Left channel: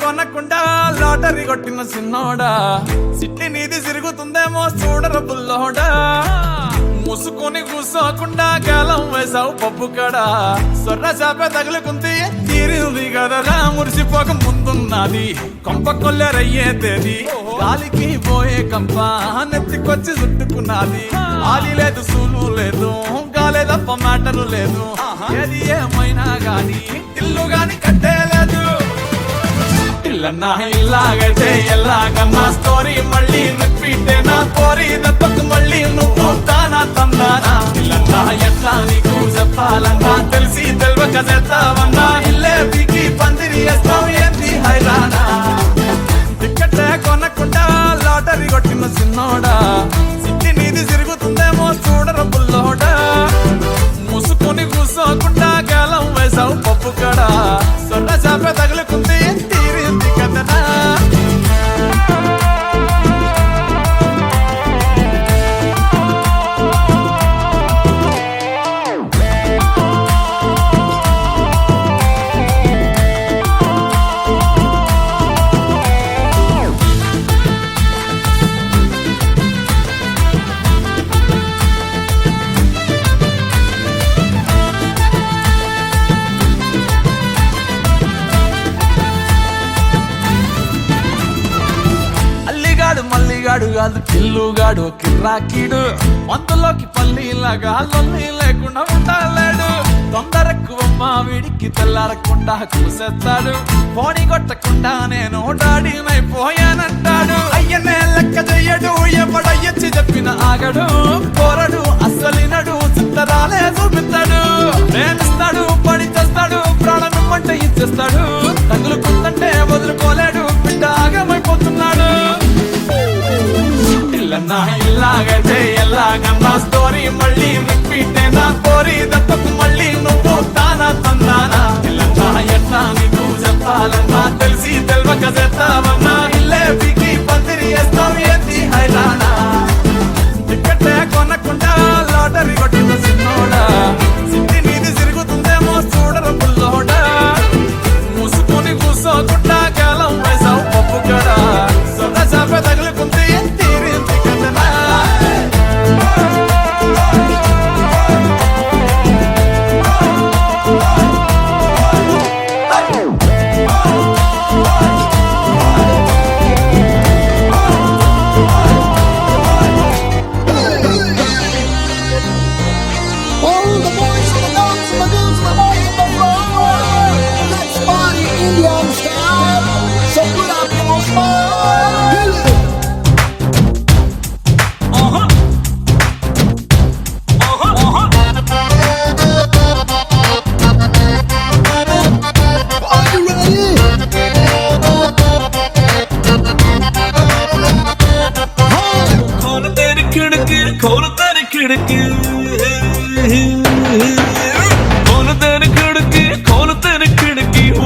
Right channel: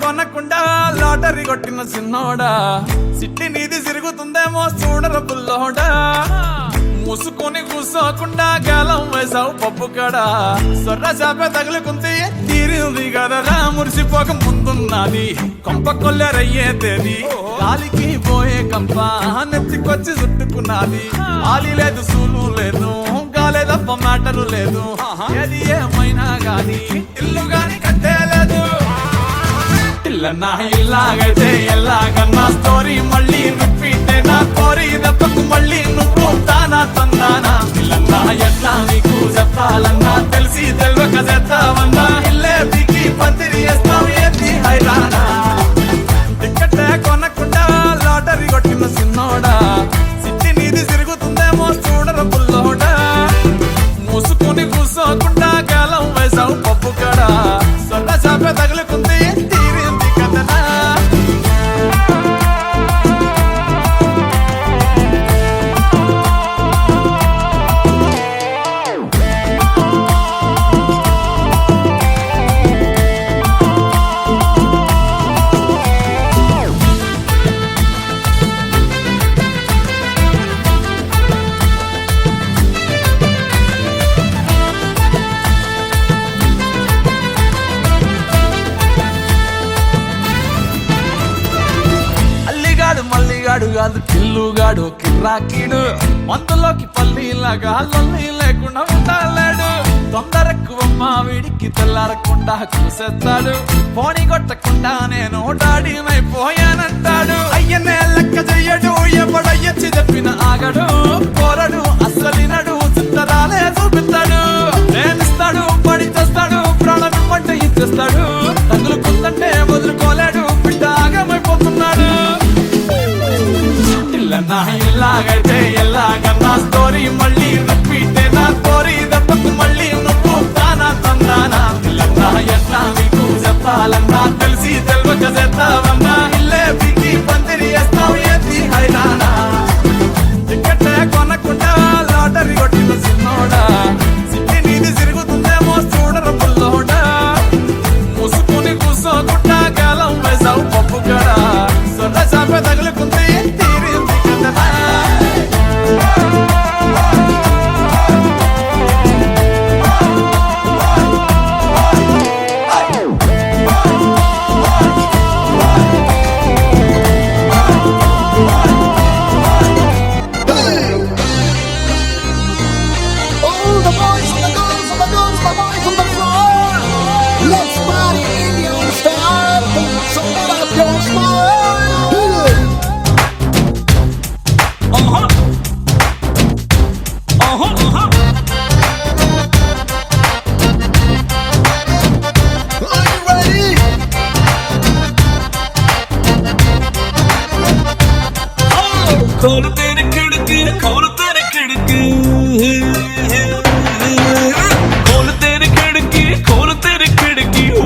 కొనకుండా లాటరీ కొట్టిన సిన్నోడా సిట్టి నీది తిరుగుతుందేమో చూడర బుల్లోడా ముసుకొని కూసోకుండా గాలం వేసావు పప్పు కడ సొర్ర చాప తగులుకుంది తీరింది కదరా మురిసిపోక ముందున్నది కొంప కొల్లెరయ్యే తేది గాలికి పోయే కంప నెత్తికొచ్చి చుట్టుకున్నది ఆలి లేదు సూలు లేదు గాలే తప్ప మ్యాటరు లేదు ఏది ఏమైనా గాని ఇల్లు గాని కట్టేలేదు ఇల్లన్నా ఇల్లాగైతే ఎల్లాగన్నా స్టోరీ మళ్ళీ రిపీటే నా కోరి దెబ్బకు మళ్ళీ నువ్వు తానా తందానా ఇల్లన్నా ఎట్లా నీకు చెప్పాలన్నా తెలిసి తెలియక చేస్తావన్నా ఇల్లే బిగి పందిరి వేస్తావు ఏంది హైరానా టికెట్టే కొనకుండా లాటరీ కొట్టిన సిన్నోడా సిట్టి నీది తిరుగుతుందేమో చూడర బుల్లోడా మూసుకొని కూసోకుండా గాలం వేసావు పప్పు కడ సొర్ర చాప తగులుకుంది తీరింది కదనా మల్లిగాడు కాదు కిల్లుగాడు కిర్రాకీడు మందులోకి పల్లీలాగా లొల్లి లేకుండా ఉండలేడు తొందరెక్కువమ్మా వీడికి తెల్లారకుండా కూసేస్తాడు పోనీ కొట్టకుండా నేను డాడీనైపోయానంటాడు అయ్యనే లెక్క చెయ్యడు ఎవడయ్యచ్చి చెప్పిన ఆగడు పోరడు అస్సలినడు చిత్తరాలే చూపిస్తాడు ప్రేమిస్తాడు పడి చేస్తాడు ప్రాణం ఇమ్మంటే ఇచ్చేస్తాడు తగులుకుందంటే వదులుకోలేడు బిడ్డ ఆగమైపోతున్నాడు ఇల్లన్నా ఇల్లాగైతే ఎల్లాగన్నా స్టోరీ మళ్ళీ రిపీటే నా కోరి దెబ్బకు మళ్ళీ నువ్వు తానా తందానా ఇల్లన్నా ఎట్లా నీకు చెప్పాలన్నా తెలిసి తెలియక చేస్తావన్నా ఇల్లే బిగి పందిరి వేస్తావు ఏంది హైరానా టికెట్టే కొనకుండా లాటరీ కొట్టిన సిన్నోడా సిట్టి నీది తిరుగుతుందేమో చూడర బుల్లోడా మూసుకొని కూసోకుండా గాలం వేసావు పప్పు కడ సొర్ర చాప తగులుకుంది తీరింది కదనా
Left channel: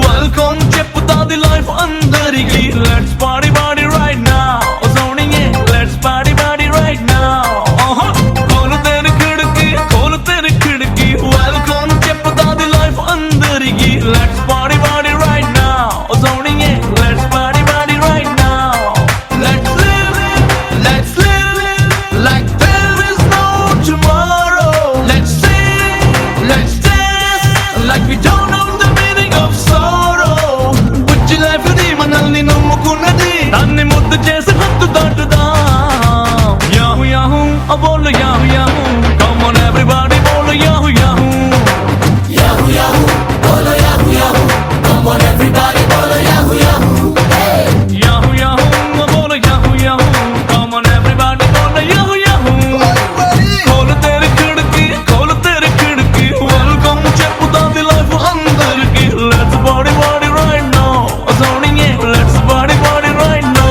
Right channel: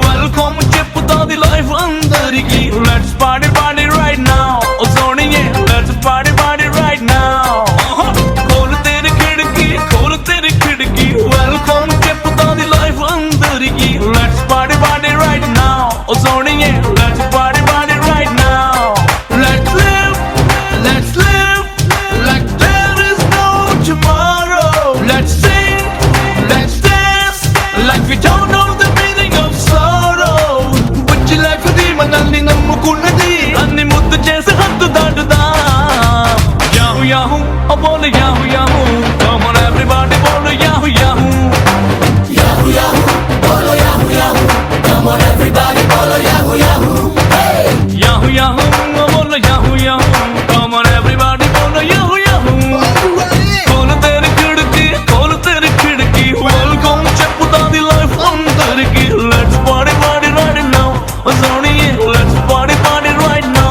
వెల్కమ్ చెప్పుతాది లైఫ్ అందరికి let's party party right now సోనియే let's party party right now కోలు తెరి కిడికి వెల్కమ్ చెప్పుతాది లైఫ్ అందరికి let's party party right now సోనియే let's party party right now let's live like there is no tomorrow. Let's sing, let's dance like we don't know the meaning of sorrow. Butch life di manalni nammukunnadi nanni muddu chesi hattu daatuda. Yahoo yahoo, I bole yahoo yahoo. Come on everybody, bole yahoo yahoo. Yahoo yahoo, bole yahoo yahoo. Come on everybody, bole yahoo yahoo. Yahoo yahoo, I bole yahoo yahoo. Come on everybody, bole yahoo yahoo. కోలు తెరి కిడికి welcome చెప్పుతాది life అందరికి let's party party right now సోనియే let's party party right now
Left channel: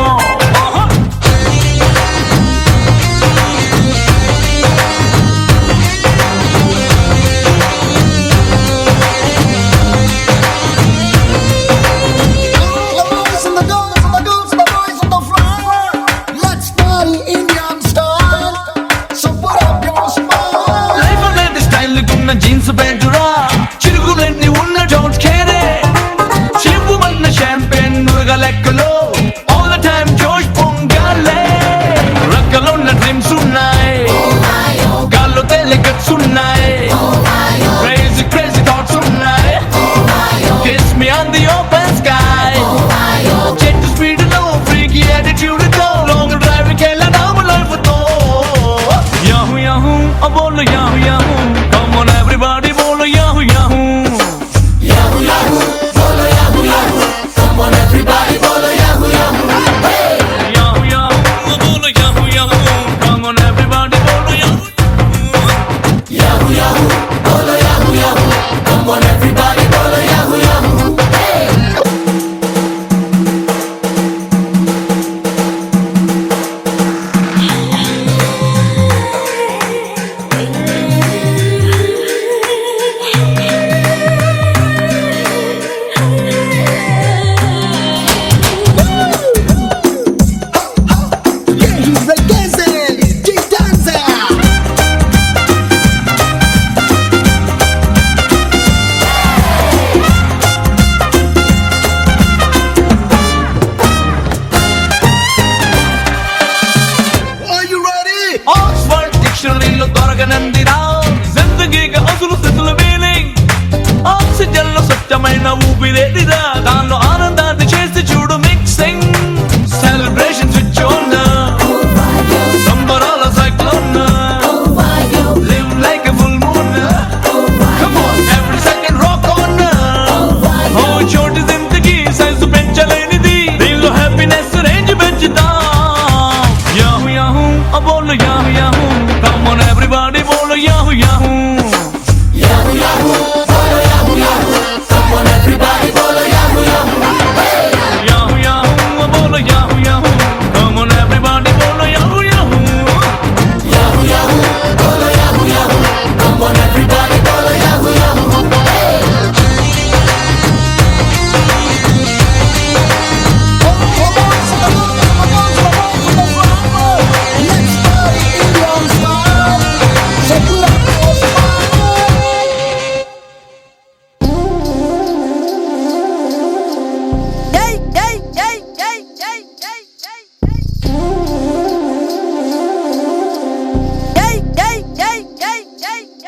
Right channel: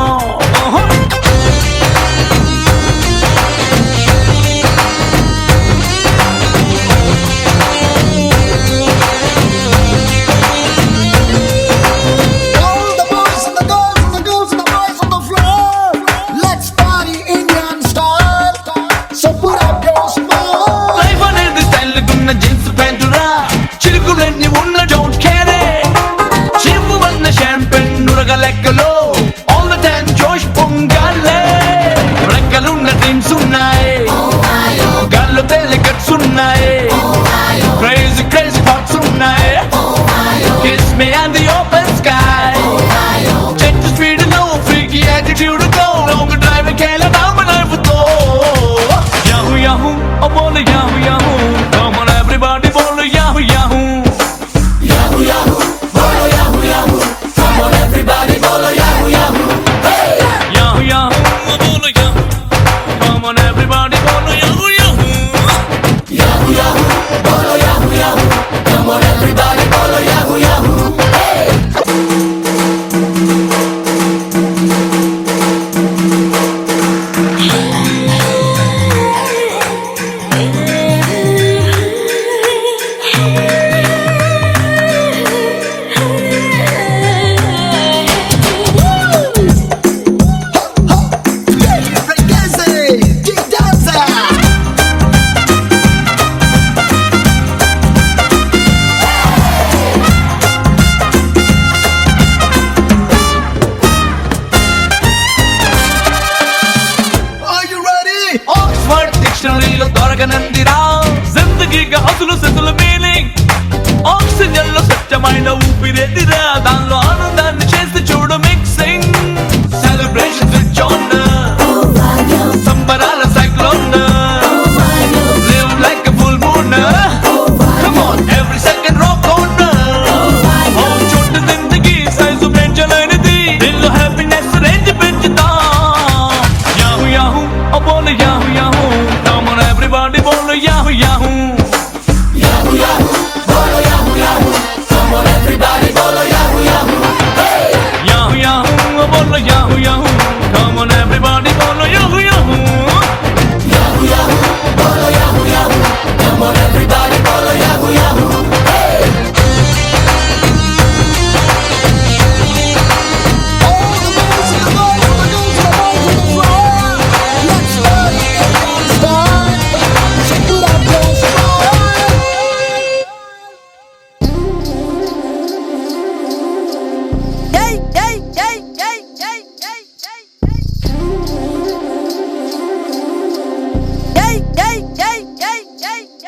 డిక్షనరీలో దొరకనందిరా జిందగీగా అసలు సెతుల మీనింగ్ ఆక్సిజన్ లో స్వచ్ఛమైన ఊపిరేదిరా దానిలో ఆనందాన్ని చేసి చూడు మిక్సింగ్ సెలబ్రేషన్ స్విచ్ ఆన్ సంబరాల cyclone live like a full moon come on every second rock on ఓ చోటు జిందగీ సైజు పెంచలేనిది దీనిలో హ్యాపీనెస్ రేంజ్ పెంచుతా యాహూ యాహూ ఓ బోలు yahoo yahoo come on everybody బోలు యాహూ యాహూ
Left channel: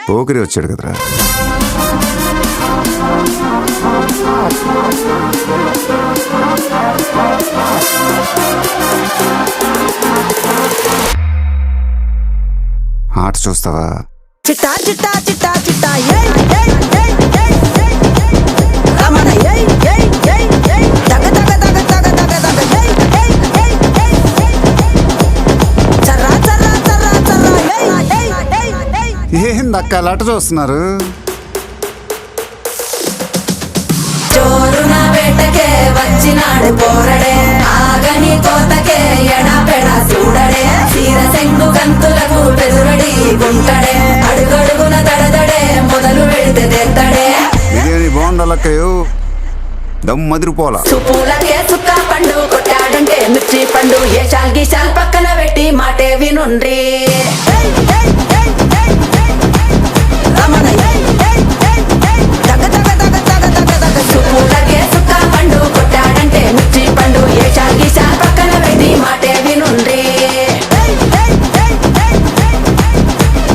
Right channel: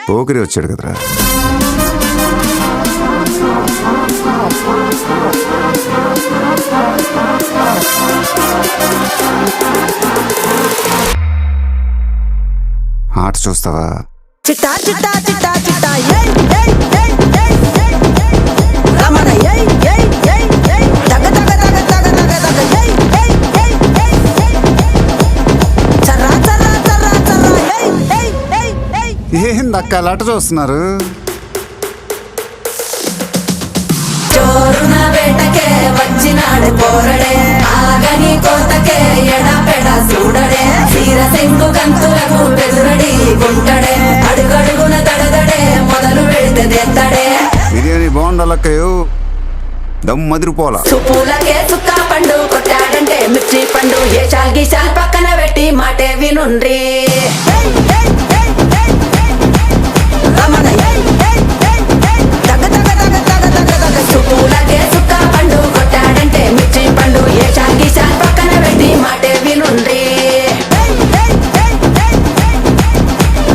పోకిరి వచ్చాడు కదరా. ఆట చూస్తావా? చిట్టా చిట్టా చిట్టా చిట్టా ఏయ్ ఏయ్ ఏయ్ ఏయ్ ఏయ్ రమణ ఏయ్ ఏయ్ ఏయ్ ఏయ్ దగ దగ దగ దగ దగ దగ ఏయ్ ఏయ్ ఏయ్ ఏయ్ ఏయ్ చర్రా చర్రా చర్రా చర్రా ఏయ్ ఏయ్ ఏయ్ ఏయ్ ఏందక్క అలా చూస్తున్నారు? చోరున వేటకే వచ్చినాడు పోరడే ఆగని కోతకే ఎడా పెడా చూడడే తీర సెంగు కంతులకు బెదురడి గుంటడే అడుగడుగున దడదడే మొదలు పెడితే తెత్తడే బిర్యానీ బాగుండాలక్కయ్యో దమ్ మదిరిపోలా. సుపూలకే చుక్క పండు కొట్టాడంటే మిర్చి పండు ఏ చాల్ గీసాల్ పక్కన పెట్టి మాటే వినుండ్రి రమణ ఏయ్ ఏయ్ ఏయ్ ఏయ్ దగ దగ దగ దగ దగ దగ సుపూలకే చుక్క పండు కొట్టాడంటే మిర్చి పండు ఏ చాల్ గీసాల్ పక్కన పెట్టి మాటే వినుండ్రి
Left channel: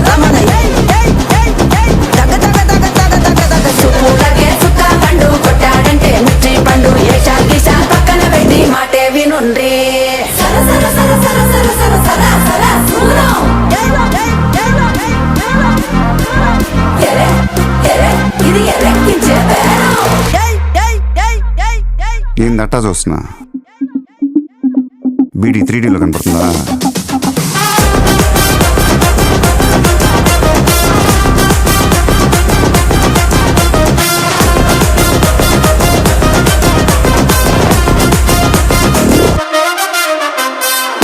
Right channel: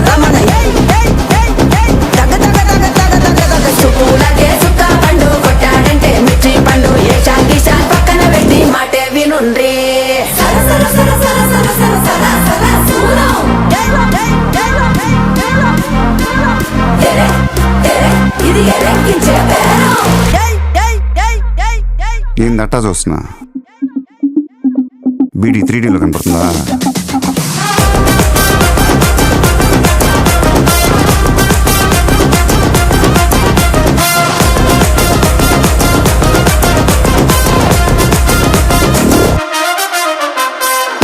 రమణ ఏయ్ ఏయ్ ఏయ్ ఏయ్ దగ దగ దగ దగ దగ దగ సుపూలకే చుక్క పండు కొట్టాడంటే మిర్చి పండు ఏ చాల్ గీసాల్ పక్కన పెట్టి మాటే వినుండ్రి ఇది ఎరెక్కించే ఏందట్టా చూస్తున్నా? బీడీ 3Dలో కనపడుతుందా?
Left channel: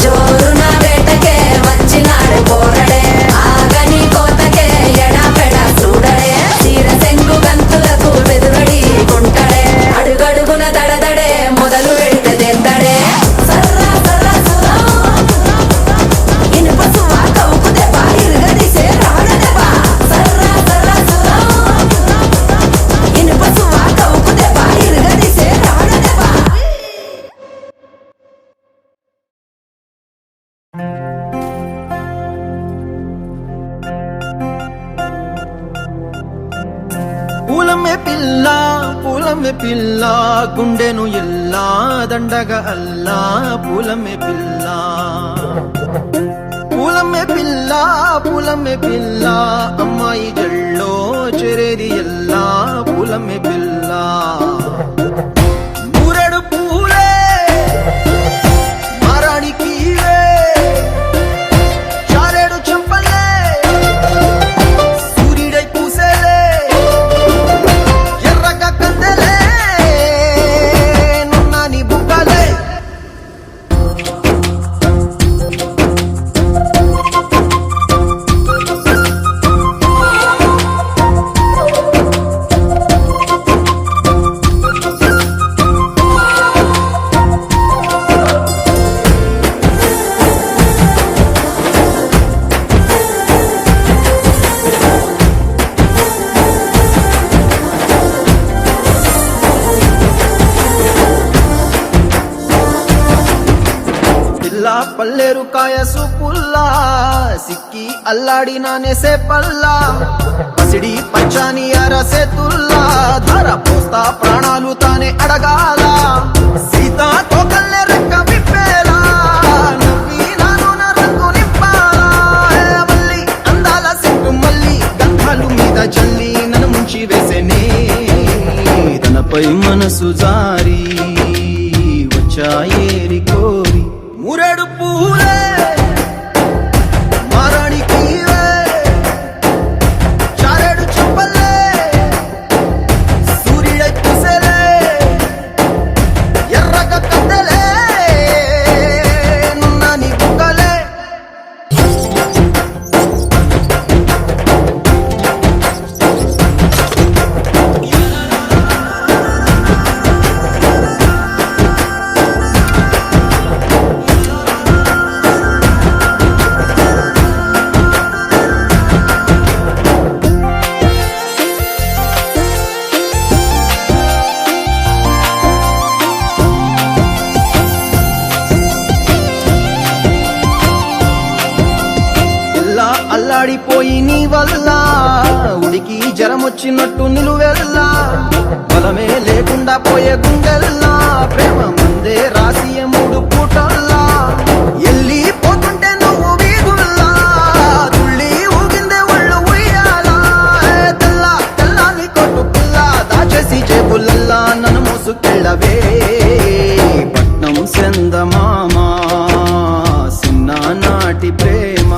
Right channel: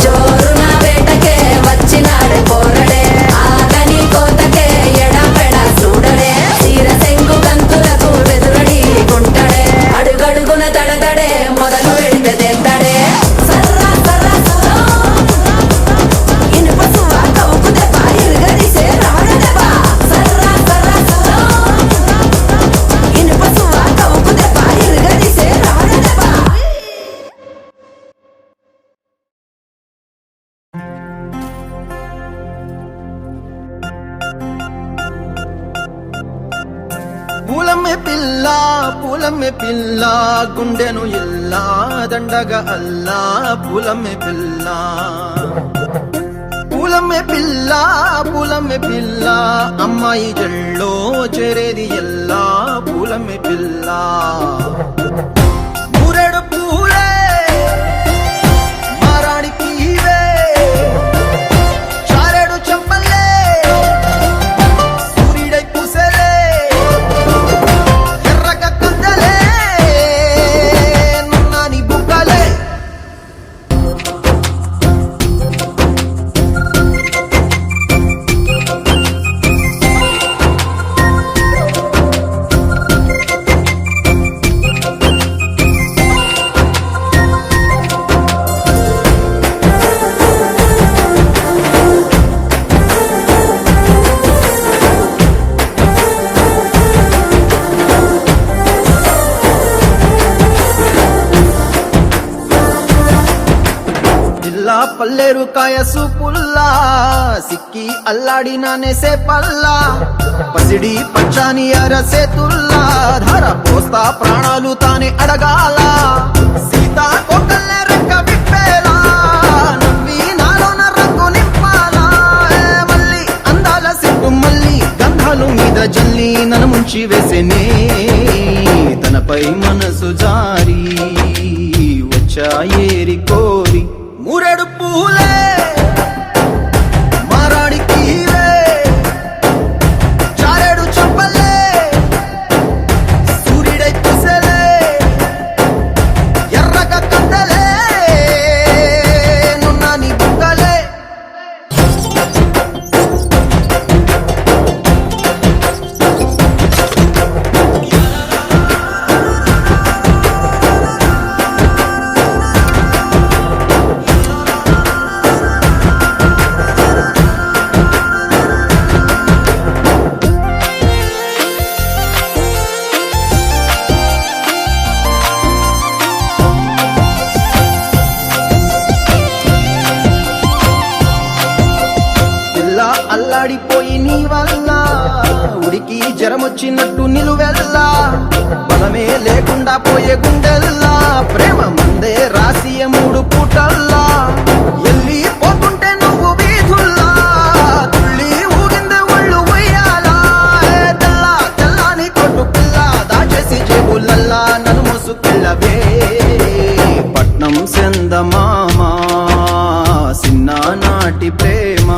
జోరున వేటకే వచ్చినాడే పోరడే ఆగని కోతకే ఎడా పెడా చూడడే తీర సెంగు గంతులకు బెదురడి గుంటడే అడుగడుగున దడదడే మొదలు పెడితే తెత్తడే సర్రా సర్రా సర్రా ఇనుప సువ కవుకు దెబ్బ ఇరుగదీసే రాడ దెబ్బ సర్రా సర్రా సర్రా ఇనుప సువ కవుకు దెబ్బ ఇరుగదీసే రాడ దెబ్బ పూలమే పిల్ల గుండెను ఇల్లా దండగ అల్లా పూలమే పిల్ల అమ్మాయి జల్లో చేరేది ఎల్లా పూలమే పిల్ల ఊరెడు పూలే మారాడికి చారెడు చెప్పలే సూర్యుడై పూసే నానేసే పల్లా పసిడి పచ్చాని అరసే తుల్లా ధర పోస్తా ప్రాణాలు తానే అడగాల సీతా కోకల్లే రెక్క విప్పేలా నవ్వి నాలోన రంగు నింపాలా మళ్ళీ అందాల సెట్టు మళ్ళీ గంధాలు మీద జల్లి నన్ను ముంచి వేసేనే తనపై మనసు జారి వచ్చాయేరి కోరి మురడు పూలే అల్లాడిపోయి నీ వల్ల ఉడికి జరం వచ్చినట్టు నిన్ను వెళ్ళా బలమే లేకుండా పోయే గుండెల్లా ప్రేమ ముందే రాసియ మూడు పూటల్లా ఎల్లి పోతుంటే నువ్వు వీధుల్లా తుళ్ళి ఊగిందే ఒళ్ళు ఉయ్యాలా తెల్లా తెల్లాని కొట్టు పిల్ల దాచేసి జేబులల్లా నన్ను మూసుకెళ్ళవే పట్నం సెందమామ చిన్ననాటి ప్రేమ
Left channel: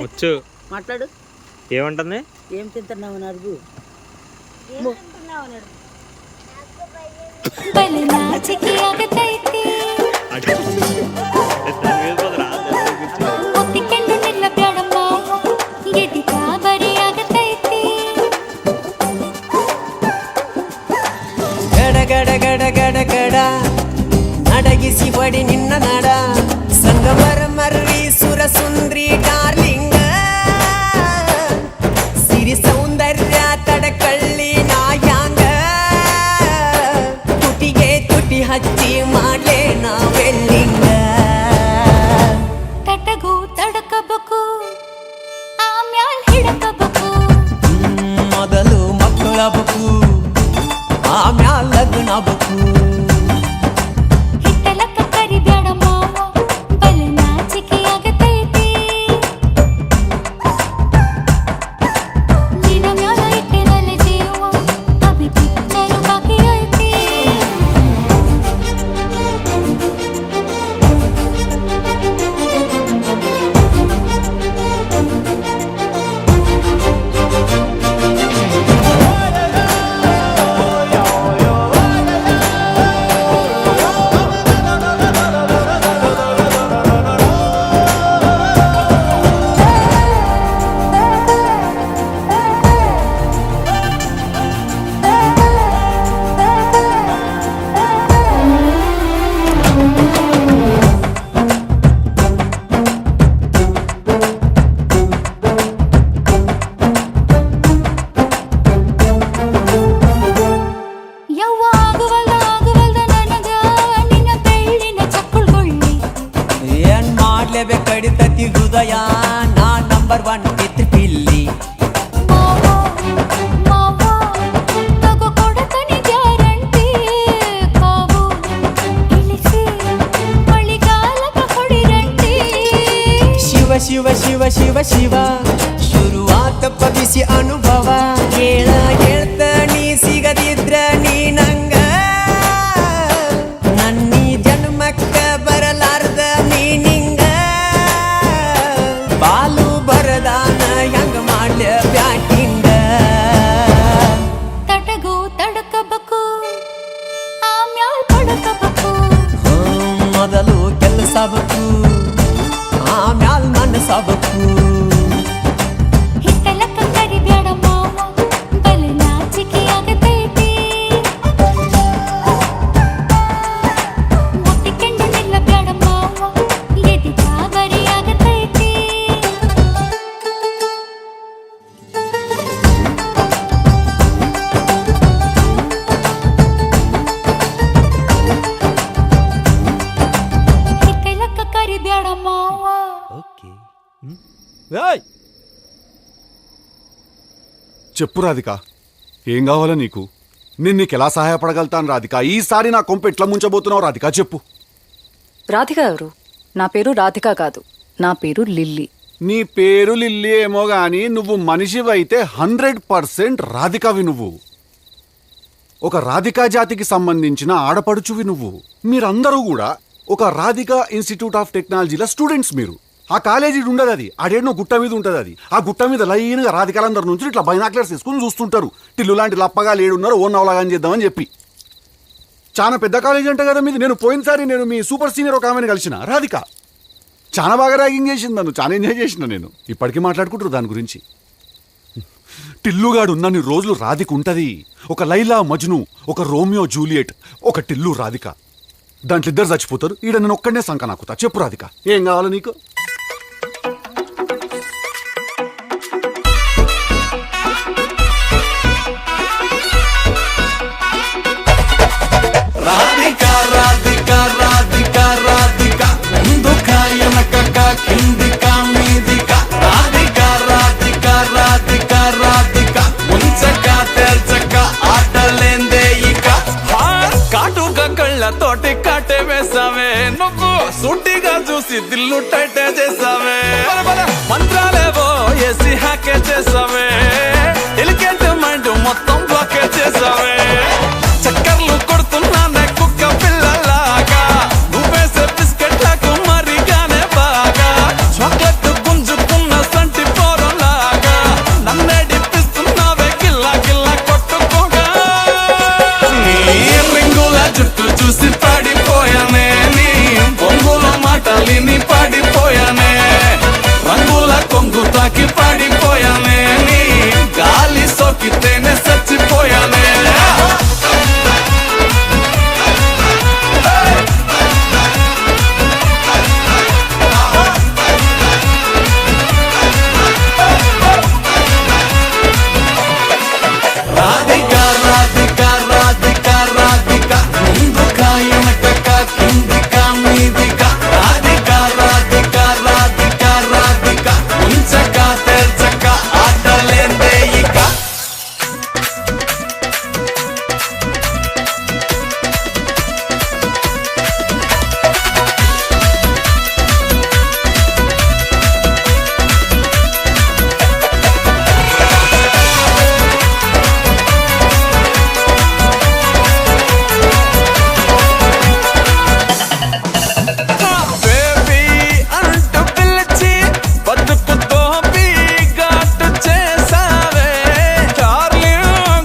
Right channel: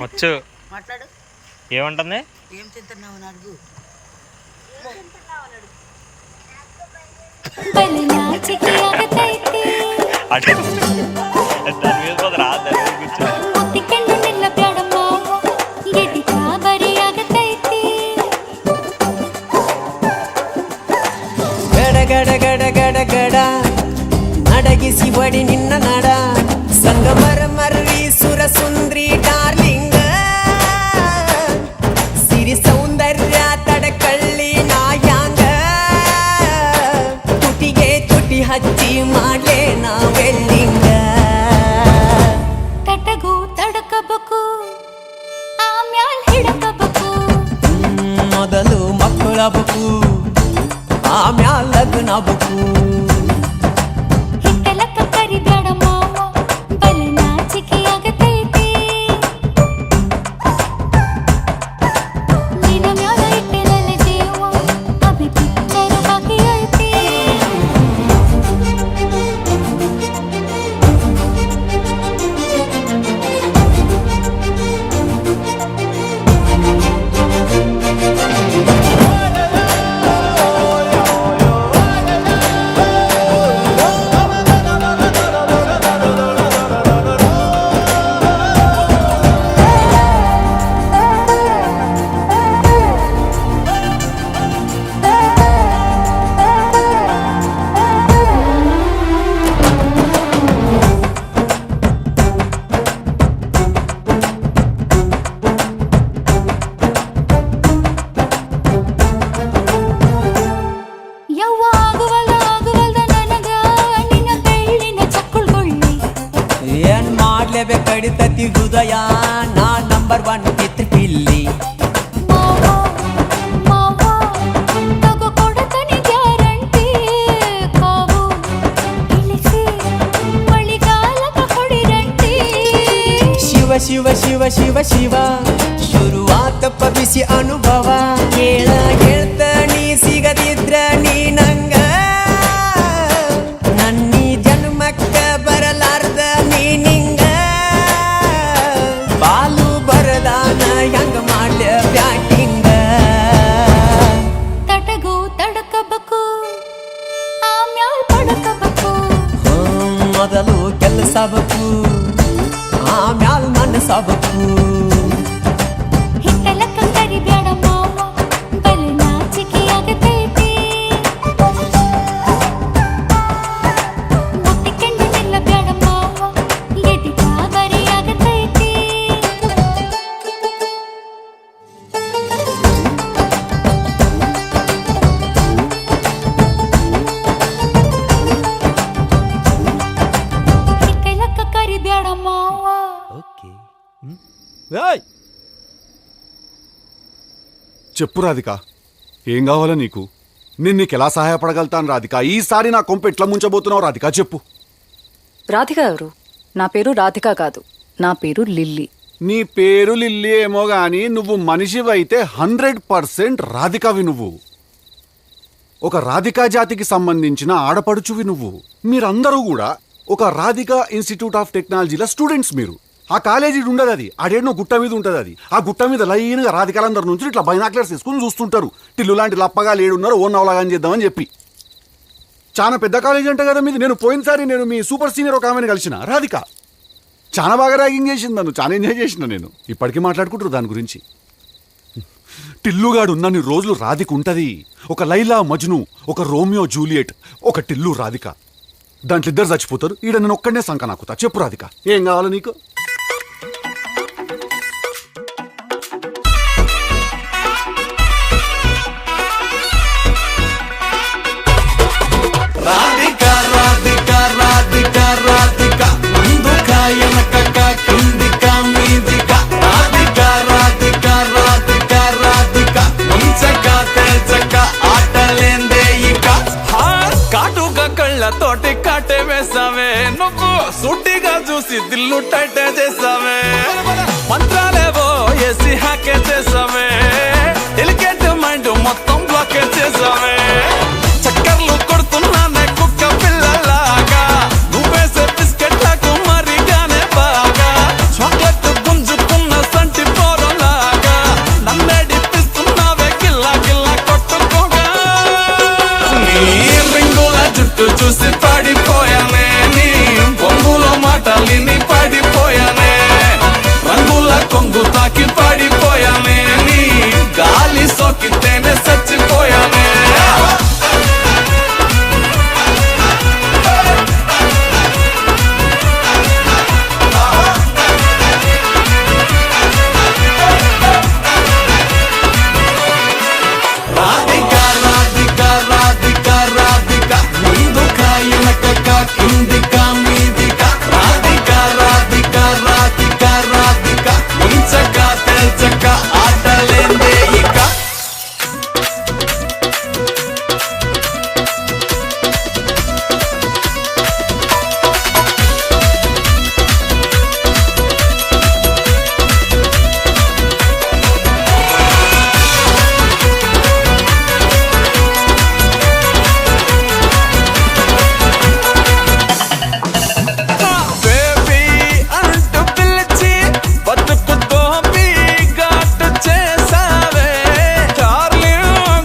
వచ్చు మాట్లాడు. ఏమంటుంది? ఏం తింటున్నావు నరుగు? ಗಡ ಗಡ ಗಡ ಗಡ ಗಡ ನಡಗಿಸಿ ಬಡಿ ನಿನ್ನ ನಡ ಸಂಗಮರ ಮರ್ರಿ ಸುರ ಸುಂದ್ರಿ ಡಾರ್ಲಿಂಗ ಸಿರಿ ಸೌಂದರ್ಯ ತಡಕಳ್ಳಿ ನಾಯಾಂಗ ತುಟಿಗೆ ತುಟಿ ಹಚ್ಚಿ ಮಾಡ್ಲೇ ನಾ ವೆಲ್ಲಿಂಗ ತಟಗೂ ತಡಕಬೇಕು ಆಮ್ಯಾಲ್ ಹಿಡಕಬೇಕು ಮೊದಲು ಮಕ್ಕಳಬೇಕು ಆಮ್ಯಾಲ್ ಲಗ್ನಬೇಕು ಹಿಟ್ಟಲಕ್ಕ ಕರಿಬೇಡ ಮಾವ ಬಲೆ ನಾಚಿಕೆ ಆಗತೈತಿ ನಿನ್ನ ಮ್ಯಾಲ ಇಟ್ಟೆನಲ್ಲ ಜೀವ ಅಭಿ ಪಿಕ್ಚರ್ ಬಾಕಿ ಐತಿ ಕಡಿತತಿ ಹೃದಯ ನಾ ನಂಬರ್ 1 ಕಿತ್ ಪಿಲ್ಲಿ ಮಾವ ತಗೋ ಕೊಡತನಿ ಗ್ಯಾರಂಟಿ ಕಾವು ಶಿವ ಶಿವ ಶಿವ ಶಿವ ಶುರುವಾತ ಬಿಸಿ ಅನುಭವ ಕೇಳ ಹೇಳ್ತ ನೀ ಸಿಗದಿದ್ರ ನೀ ನಂಗ ನನ್ನೀ ಜನ್ಮಕ್ಕ ಬರಲಾರ್ದ ನೀ ನಿಂಗ ಬಾಲು ಬರದಾನ ಹೆಂಗ ಮಾಡ್ಲ ಬ್ಯಾಟಿಂಗ ತಟಗೂ ತಡಕಬೇಕು ಆಮ್ಯಾಲ್ ಪಡಕಬೇಕು ಮೊದಲು ಕೆಲಸಬೇಕು ಆಮ್ಯಾಲ್ ಮನಸಬೇಕು ಹಿತ್ತಲಕ್ಕ ಕರಿಬ್ಯಾಡ ಮಾವ ಬಲ ನಾಚಿಕೆ ಆಗತೈತಿ ಮುಟ್ಟಿಕೊಂಡು ನಿಲ್ಲಬ್ಯಾಡ ಮಾವ ಎದಿ ಗಾಬರಿ ಆಗತೈತಿ ಹಿತ್ತಲಕ್ಕ ಕರಿಬ್ಯಾಡ ಮಾವ చెప్పు రాధిక, ఏం కావాలా నీకు? నేను నీకు ఎలా సహాయపడగలుగుతాను రాధిక? ఈసారి నా కొంప ఎట్లా ముంచబోతున్నావు రాధిక, చెప్పు. రాధిక ఎవరు? నా పేరు రాధిక కాదు, నా పేరు లిల్లీ. నీ పేరు లిల్లీ ఏమో గాని నువ్వు మనిషివైతే 100% రాధికవి నువ్వు. ఒక రాధికా జాతికి సంబంధించిన ఆడపడుచువి నువ్వు. మీరందరూ కూడా ఒక రాధికా ఇన్స్టిట్యూట్ ఆఫ్ టెక్నాలజీల స్టూడెంట్స్ మీరు. ఆ కాలేజీ ఉండదు, అది ఆడేనో గుట్ట మీద ఉంటుంది. అది ఆ గుట్ట మీద లైన్గా రాధికాలందరి నుంచి ఇట్లా బైనాక్లర్స్ తీసుకుని చూస్తుంటారు. టిల్లు లాంటి లప్పగా లేడున్నారు, ఓ నవలాగాని చేద్దామని చెప్పి. చాలా పెద్ద కాలేజీ అంటే కదా మీది. నేను పోయినసారి నేను మీ సూపర్ సీనియర్ ఒక ఆమెను కలిసిన రాధిక. చాలా బాగా ర్యాగింగ్ చేసింది నన్ను, చాలా ఎంజాయ్ చేసిన నేను. ఇప్పటికీ మాట్లాడుకుంటారు దాని గురించి. టిల్లుగాడు ఉన్నన్ని రోజులు రాధిక ఉంటుంది. ఒక లైలా మజ్ను, ఒక రోమియో జూలియట్, ఒక టిల్లు రాధిక. దాంట్లో ఇద్దరు చచ్చిపోతారు. ఈడ నేను ఒక్కడనే సంక నాకుతా. చెప్పు రాధిక, ఏం కావాలి నీకు? రాధిక రాధిక రాధిక రాధిక ముందుక వెనకక కిందిక మీదిక రాధిక రాధిక రాధిక రాధిక ముంచక తేల్చక ఆటలేందే ఇక కాటుక కళ్ళతోటి కాటే వేసావే నువ్వు. సుట్టిగా చూసి దిల్లు టైటే చేసావే. మంత్రాలేవో ఏసి హ్యాకే చేసావే. ఎలికెంట్ మైండ్ మొత్తం బ్లాకే చేసావే. చక్కర్లు కొడుతున్నానే కుక్క పిల్లలాగా. నువ్వేసే బిస్కెట్లకు మరిగానే బాగా. చాక్లెట్ గుంజుకున్న సంటి పోరలాగా. నన్నే డిప్పిస్తున్నావే గిల్లా గిల్లా కొట్టుకోగా. నీ రింగుల జుట్టు చూసి పడిపోయానే. నీ బొంగులో మాటలిని పడిపోయానే. రంగుల కొంగు తాకి పడిపోయానే. నీ గాలి సోకితేనే చచ్చిపోయానే. రాధిక రాధిక రాధిక రాధిక ముందుక వెనకక కిందిక మీదిక రాధిక రాధిక రాధిక రాధిక ముంచక తేల్చక ఆటలేందే ఇక. బేబీ అంటూ పిలిచి బతుకుతో ఘాటు చేసావే. చార్లీ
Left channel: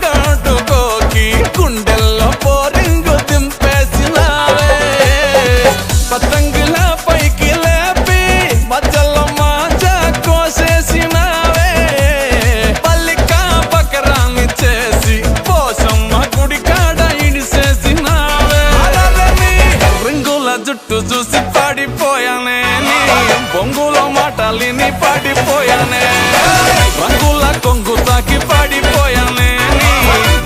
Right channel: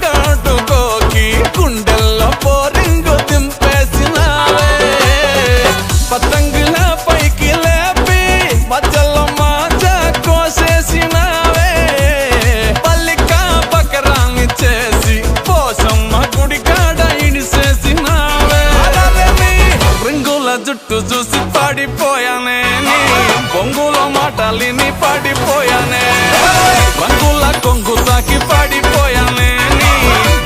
ఘాటుకోకి గుండెల్లో పోరింగు దింపేసినావే. పతంగుల పైకి లేపి మధ్యలో మాజా కోసేసినావే. పల్లికా బకరాన్ని చేసి పోసమ్మ గుడి కాడ ఇడిసేసినావే. రింగుల జుట్టు చూసి పడిపోయానే. నీ బొంగులో మాటలిని పడిపోయానే. రంగుల కొంగు తాకి పడిపోయానే. నీ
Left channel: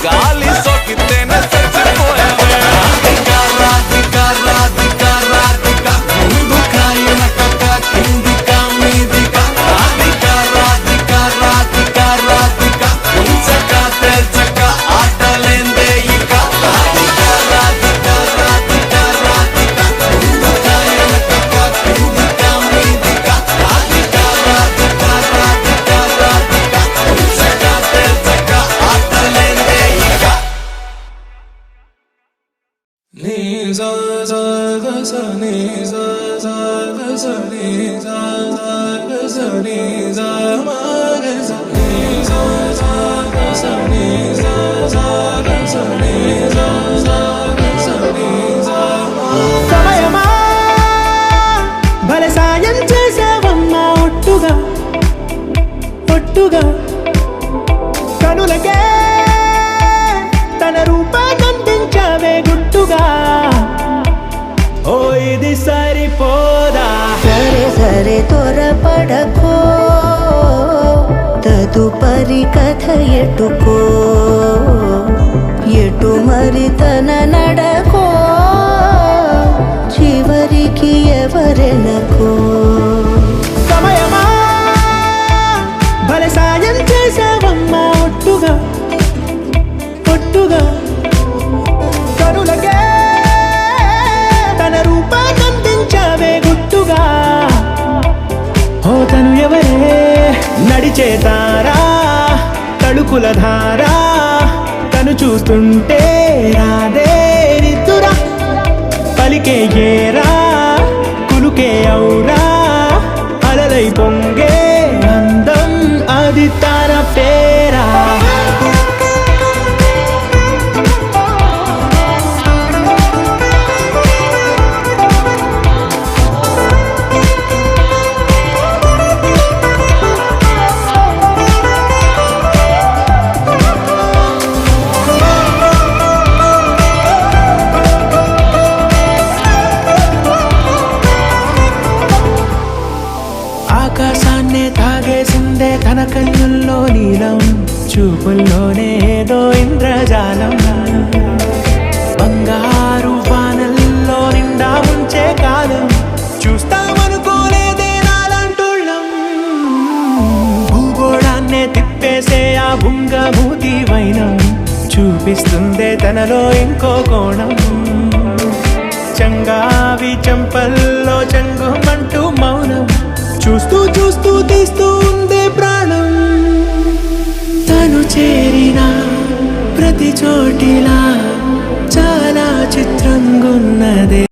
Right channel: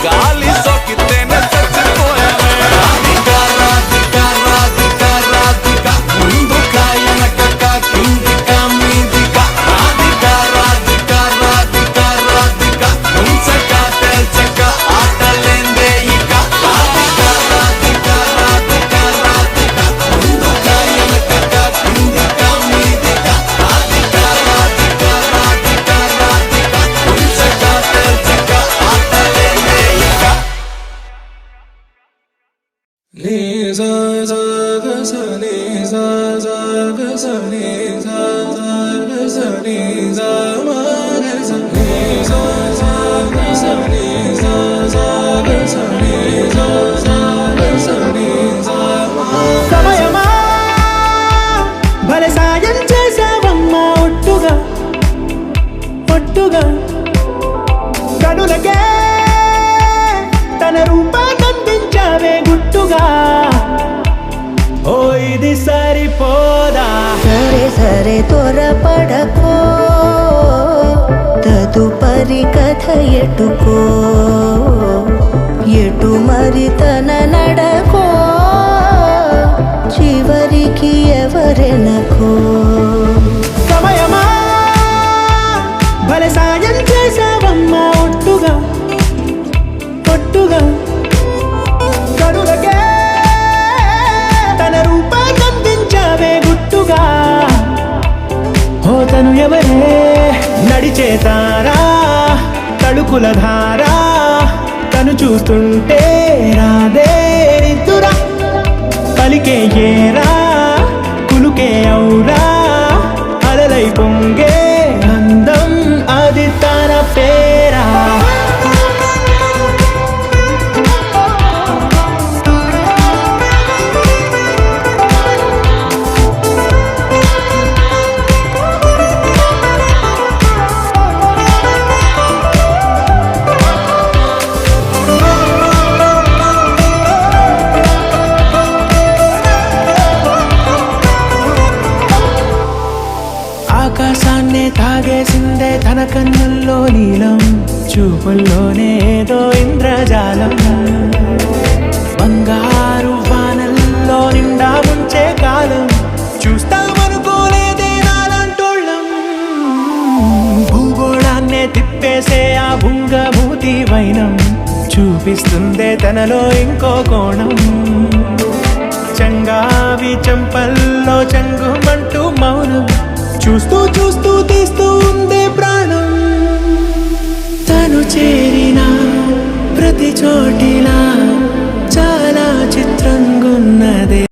గాలి సోకితేనే చచ్చిపోయానే. రాధిక రాధిక రాధిక రాధిక ముందుక వెనకక కిందిక మీదిక రాధిక రాధిక రాధిక రాధిక ముంచక తేల్చక ఆటలేందే ఇక. రాధిక రాధిక రాధిక రాధిక ముందుక వెనకక కిందిక మీదిక రాధిక సమయమా భలే సాయం చేసావమ్మా ఒట్టుగా ఒట్టుగా కనులకే తన రూపాన్నందించావే గుట్టుగా ఓ ఇది సరిపోదా సరే సరే త్వరపడకో తదుపరి కథ ఎటుకో ఎటు మరి తన నడకో చివరికి ఎవరెనకో సమయమా భలే సాయం చేసావమ్మా ఒట్టుగా ఒట్టుగా కనులకే తన రూపాన్నందించావే గుట్టుగా ఓ తను ఎవరే నడిచే తారా తళుకుల ధారా తను చూస్తుంటే రాదే నిద్దురా పలికే ఏరా కులుకే ఔరా అలలై పొంగే అందం అది తన పేరా ఆకాశాన్నే తాగేసిందే తన కన్నుల్లో నీలం చూపుల్లోనే ఏదో ఇంద్రజాలం బంగారు వానల్లో నిండా ముంచే కాలం చూస్తామనుకోలేదే నాలంటోళ్ళం భూగోళాన్నే తిప్పేసే ఆ బుంగమూతి వైనం చూపిస్తుందే తనలో ఇంకో కోణం చంగావి చెంపల్లో చెంగుమంటూ మౌనం చూస్తూ చూస్తూ తీస్తూ ఉందే ప్రాణం తను చేరిన ప్రతి చోటిలా చాలా చిత్రంగున్నదే